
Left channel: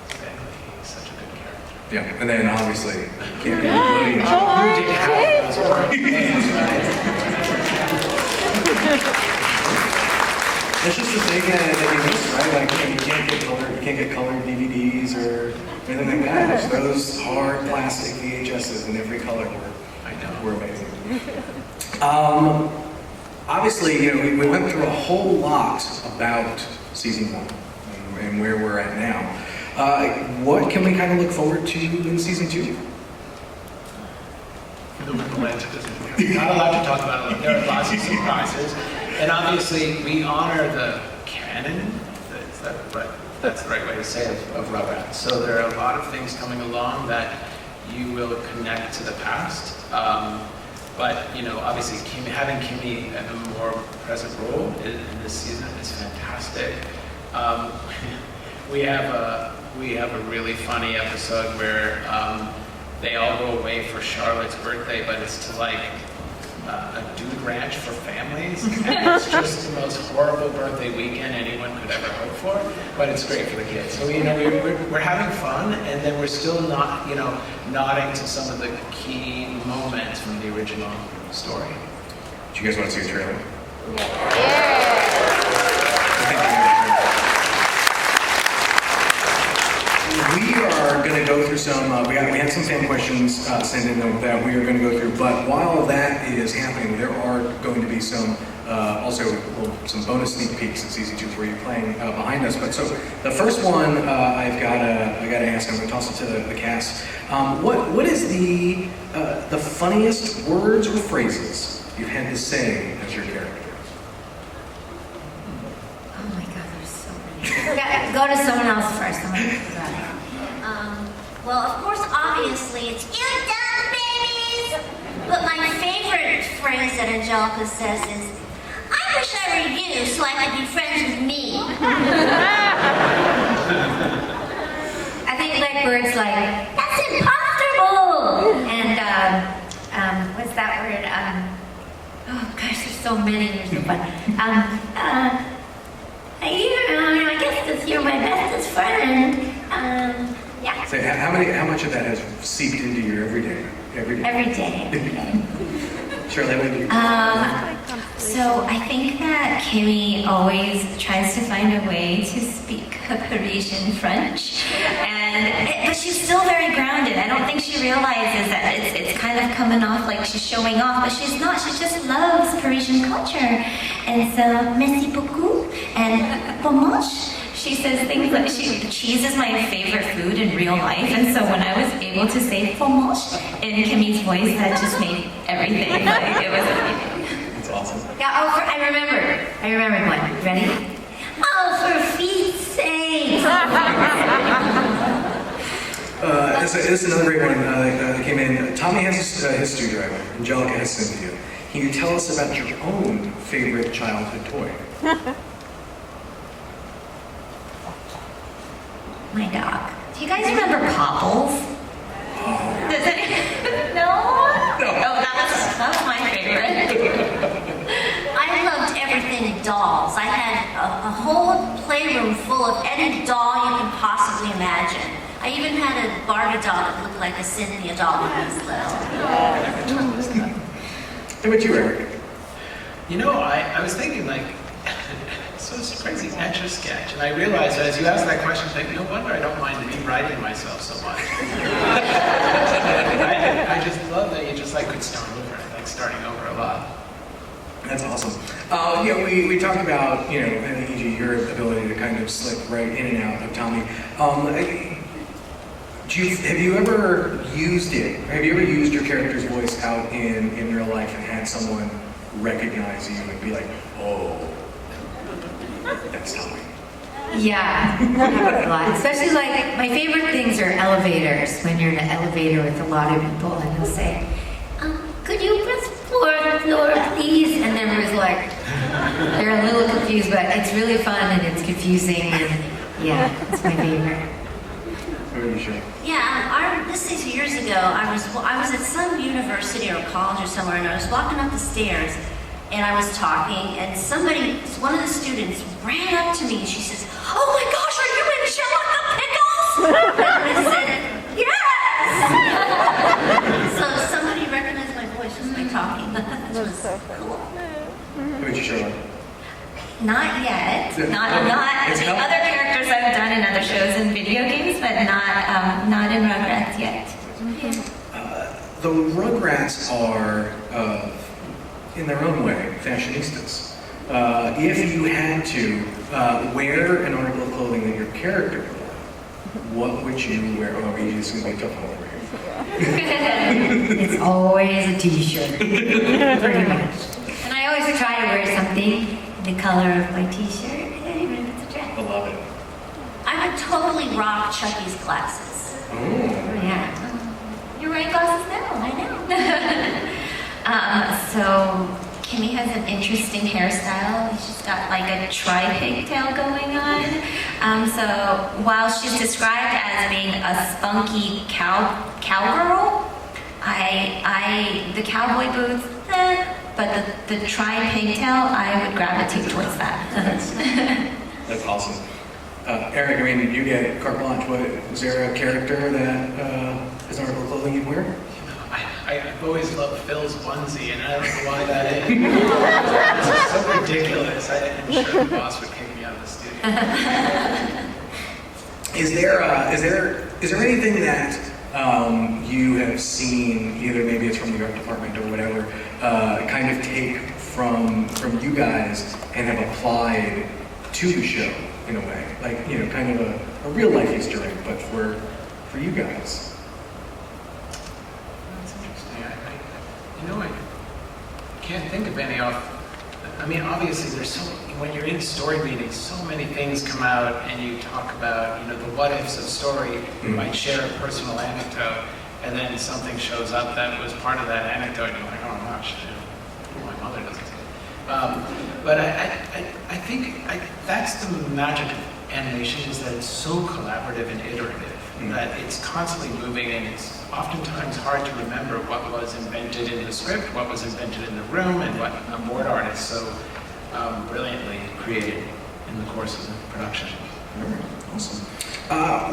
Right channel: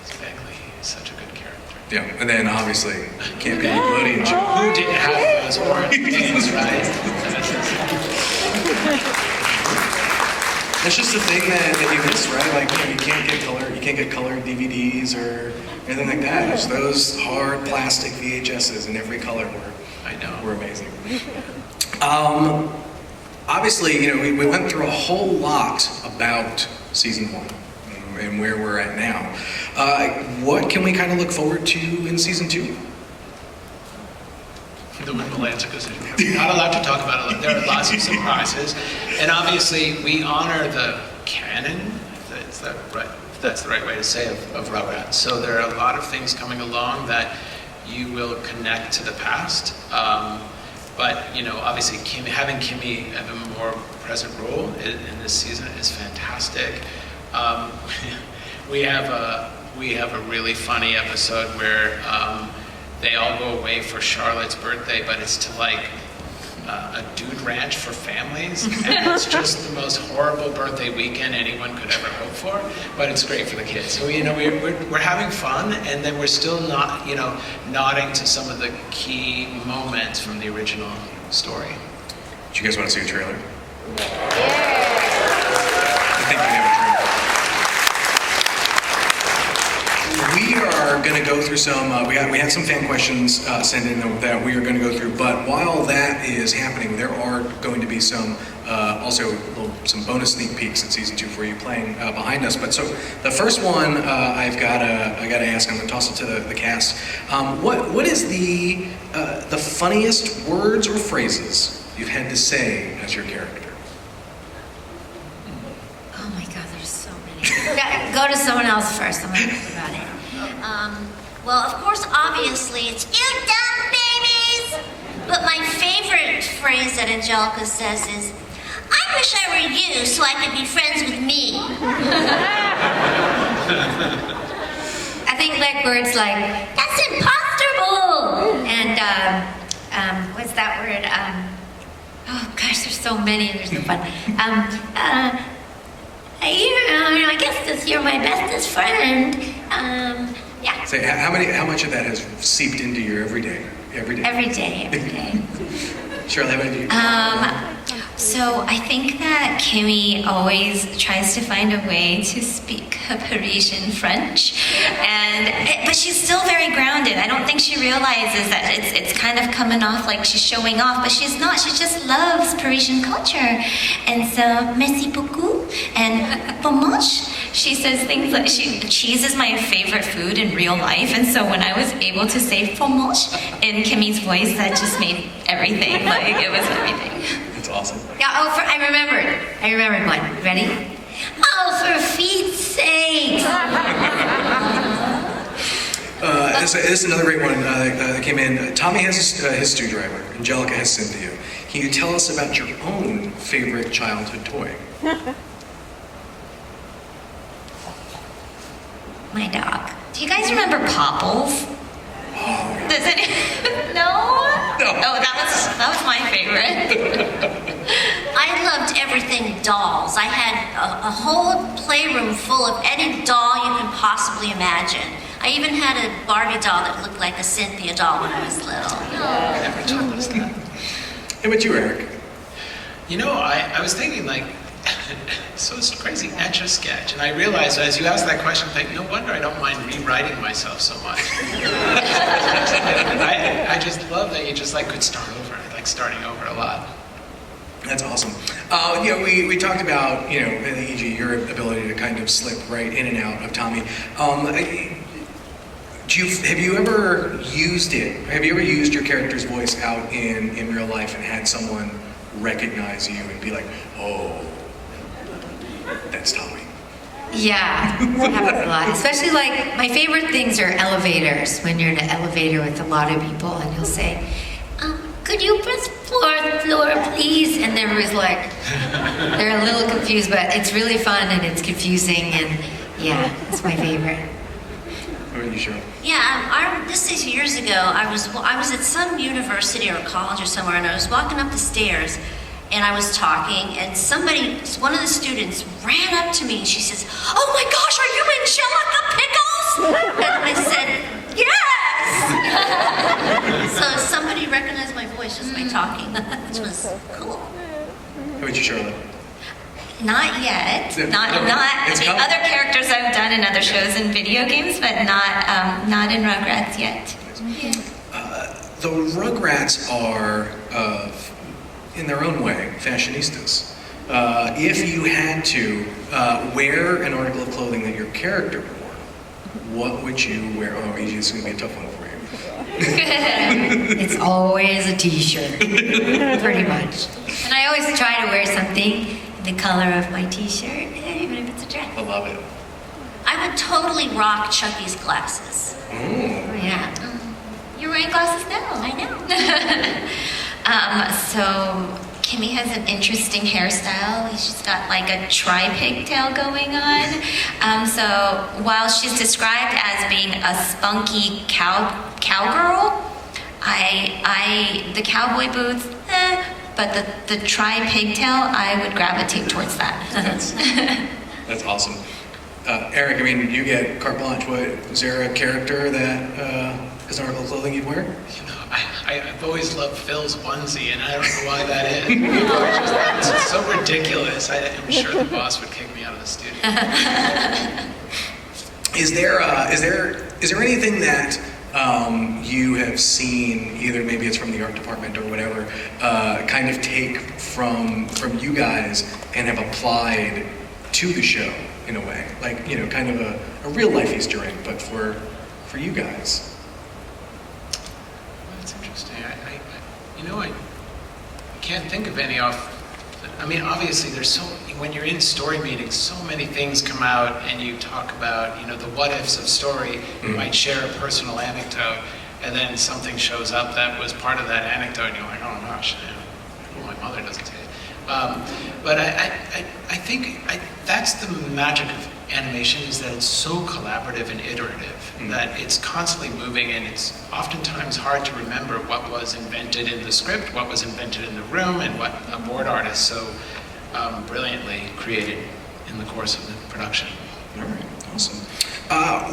Beckley, he's such a good character. Yeah, and then obviously can't be Nickelodeon. Who didn't have those words, right? It's just a thing that you miss, right? Like you can't get colored DVDs or anything like that. It's those hard plastic VHSs in every color were amazing. Obviously, you know, we went through a whole lot about season 1 and where we're at now. What can we kind of look forward to in season 2? The wonderful answer is not allowed to talk about it. There are lots of surprises, and obviously we honor the canon. That's the right way to say of Rugrats. So there are a lot of things coming along that you will connect to the past. But you know, obviously, having Kimi have a more present role in this season is fantastic. We have a really funny episode where they all go away for Charlotte's birthday, but it's to like a dude ranch for families, and it's just the most horrible birthday weekend anyone could ever hope for. But it's great for the kids. So you know, we're having fun, and then we're still not, you know, nodding to some of the key moments from the original story. Do you guys want to see a trailer? We are going to go through some, we had some fan questions sent in that we are going to go through, but while that is happening, there are going to be some, some bonus sneak peeks in season 2 for you playing behind us. But so the first one I gotta ask, I'm going to toss it to the cast. What is the funniest words or phrases you've had to say as your character? Oh my God, there's so many. Go to someone else first. I'm gonna think about it. Well, of course, obviously, it's "you dumb babies!" But my favorite phrase that Angelica says is, "I wish I were you so I could be friends with me." I think like words like, That's impossible! and what's that word? Oh gosh, there's so many. There's no fun. I guess this you're my bestest friend. Yeah. Say, how much of that has seeped into your everyday? Every day. Charlotte, how about you? So I think that Kimi always tries to find a way to speak Parisian French, but she's still very grounded. I don't think she realizes that it's kind of coming off like she's showing off, but she's not. She just loves Parisian culture, and so merci beaucoup and fromage. She says things like, cheese is my favorite food in real life, and so when I was able to say fromage in Kimi's voice, that just made everything, like, it was everything. That's awesome. Yeah, I remembered one. Ready? Oh, for Pete's sake! This is another great one that came in. Tommy has his stew driver. Angelica has Cynthia. Can you tell us about your own favorite childhood toy? My dog. Do you guys remember Popples? Does it? No? Oh, that was my favorite. I loved everything dolls. I had a whole playroom full of any doll you can possibly imagine. I even had a Barbie doll that looked like a Cynthia doll when I was little. How about you, Eryk? You know, I was thinking like, so it's crazy, Etch-a-Sketch. And I realized as you asked that question, I think, no wonder I don't mind rewriting myself so much. I just love that you just like could start over. I like starting over a lot. That's awesome. We talked about, E.g., your ability to kind of slip right in and out of Tommy. Have you ever used it? Have you ever used your character's voice out in real life and had someone recognize you and be like, oh, That's Tommy. Yeah, that happens a lot. Especially like, my favorite things are elevators, when you're in an elevator with a lot of people and you'll say, could you press fourth floor, please? And everyone's like, they're a little confused, but it's really fun and it's confusing and yeah, it's my favorite. What are you sure? Yeah, this is years ago. I was at some university or college or somewhere, and I was walking up the stairs, and I was talking, and one of the students ran up to me, and she says, "Oh my gosh, are you Angelica Pickles?" And I said, "Yes." So somebody recognized my voice just by talking, which was cool. What about you, Charlotte? Not yet. Yeah. Not. I It's mean, coming. other characters I've done in other shows and video games, but not in Rugrats yet. The Rugrats are, in their own way, fashionistas. If you had to wear an article of clothing that your character wore, what would you wear? Oh, it's going to be a tough one for you. It's always a t-shirt, pretty much. And I always try to wear something the color of my t-shirt, even if it's a dress. I love it. I would totally rock Chuckie's glasses. Ooh. Yeah. You're wearing glasses now. I know. So Kimi has an interesting hairstyle. She's got like a tri-pigtail going on. So while she's described as being a spunky cowgirl, the cowboy boots, but the tri-pigtail, I would gravitate towards that. That's awesome. Eryk, I mean, you get carte blanche. Was there a character that is an article of clothing you'd wear? I've always loved Phil's onesie, and I don't know why that is. It's so ridiculous. I'm sure the boss would kick me out of the studio. Is there anything that you have seen, either maybe it's from the art department or whatever, kind of take from you guys and have applied to the show in a way, like kind of a real life Easter egg, but for you guys? That's interesting. I can't think of any off. I mean, obviously, when you're in story meetings, so many things come out, and you talk about, the what ifs of story. You might share a personal anecdote, and then something shows up that was part of that anecdote, and you're like, oh gosh, my mother doesn't say it. But I think that's the magic of animation, is that it's so collaborative and iterative, that it's constantly moving, and it's oftentimes hard to remember what was invented in the script, what was invented in the room, and what a board artist so brilliantly created in the course of the production. Awesome.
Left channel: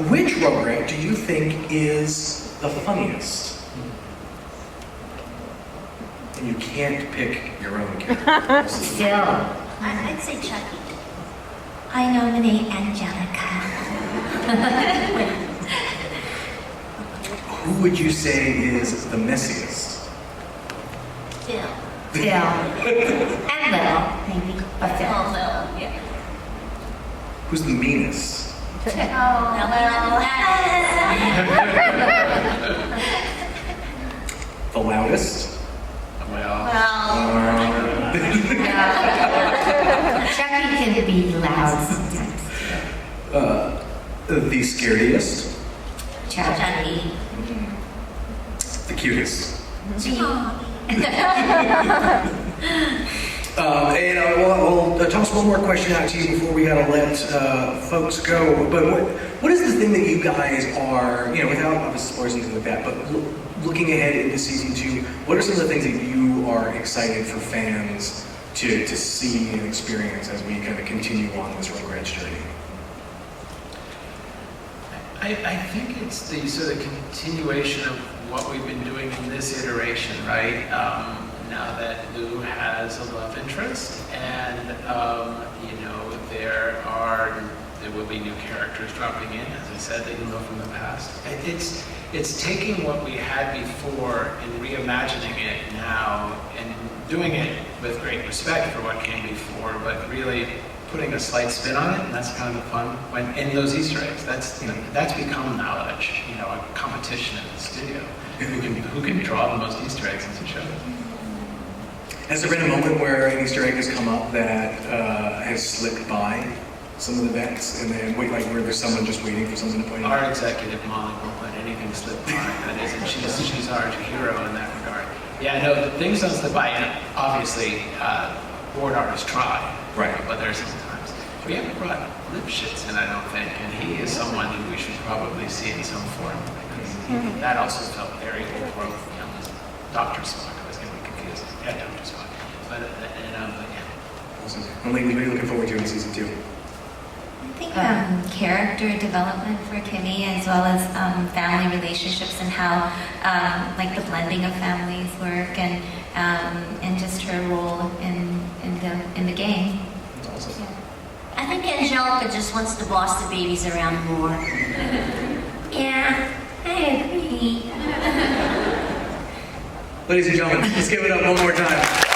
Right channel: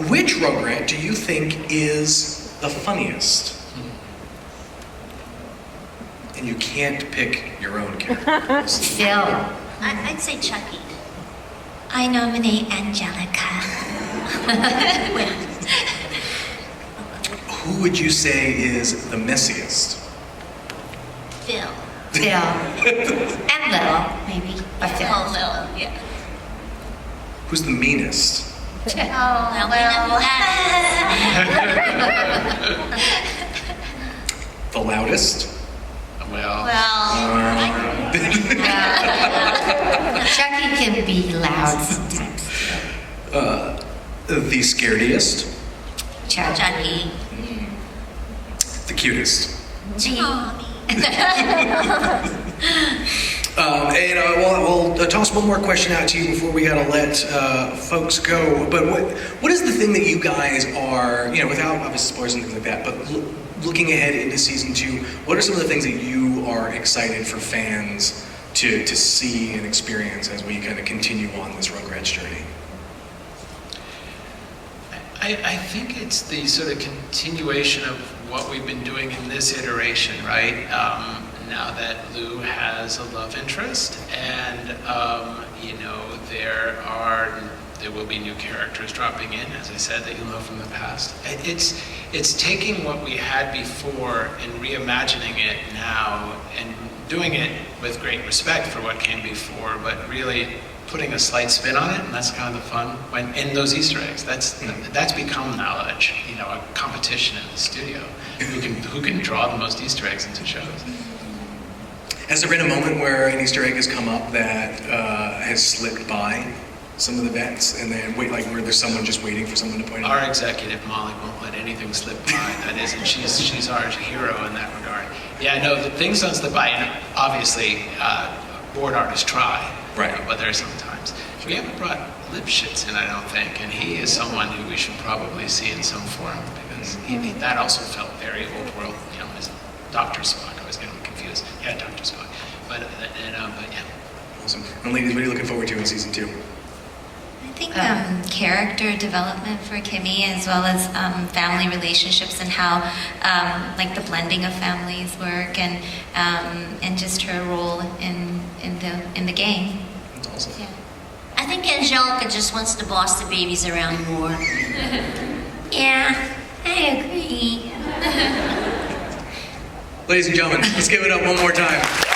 Which Rugrat do you think is the funniest? And you can't pick your own character. Phil. I'd say Chuckie. I nominate Angelica. Who would you say is the messiest? Phil. Phil. And Lil, maybe. But Phil. Oh, Lil, yeah. Who's the meanest? The loudest? Well, Chuckie can be loud sometimes. The scarediest? Chuckie. The cutest? We'll toss one more question out to you before we gotta let folks go. But what is the thing that you guys are, without obviously spoilers and things like that, but looking ahead into season 2, what are some of the things that you are excited for fans to see and experience as we kind of continue on this Rugrats journey? I think it's the sort of continuation of what we've been doing in this iteration, right? Now that Lou has a love interest, and there will be new characters dropping in, as I said, that you know from the past. It's taking what we had before and reimagining it now, and doing it with great respect for what came before, but really putting a slight spin on it, and that's kind of the fun. In those Easter eggs, that's become knowledge, a competition in the studio. Who can draw the most Easter eggs into shows? Has there been a moment where an Easter egg has come up that has slipped by some of the vets, and then like where there's someone just waiting for someone to point it out? Our executive, Molly, won't let anything slip by. That isn't, she's our hero in that regard. Yeah, no, the things don't slip by. And obviously, board artists try. Right. But there are sometimes. We haven't brought Lipschitz in, I don't think, and he is someone who we should probably see in some form, because that also felt very old world, you know, as Dr. Spock. I was getting confused. Yeah, Dr. Spock. But yeah. Awesome. And ladies, what are you looking forward to in season 2? I think character development for Kimi, as well as family relationships and how like the blending of families work, and just her role in the game. That's awesome. Yeah. I think Angelica just wants to boss the babies around more. Yeah, I agree. Ladies and gentlemen, let's give it up one more time.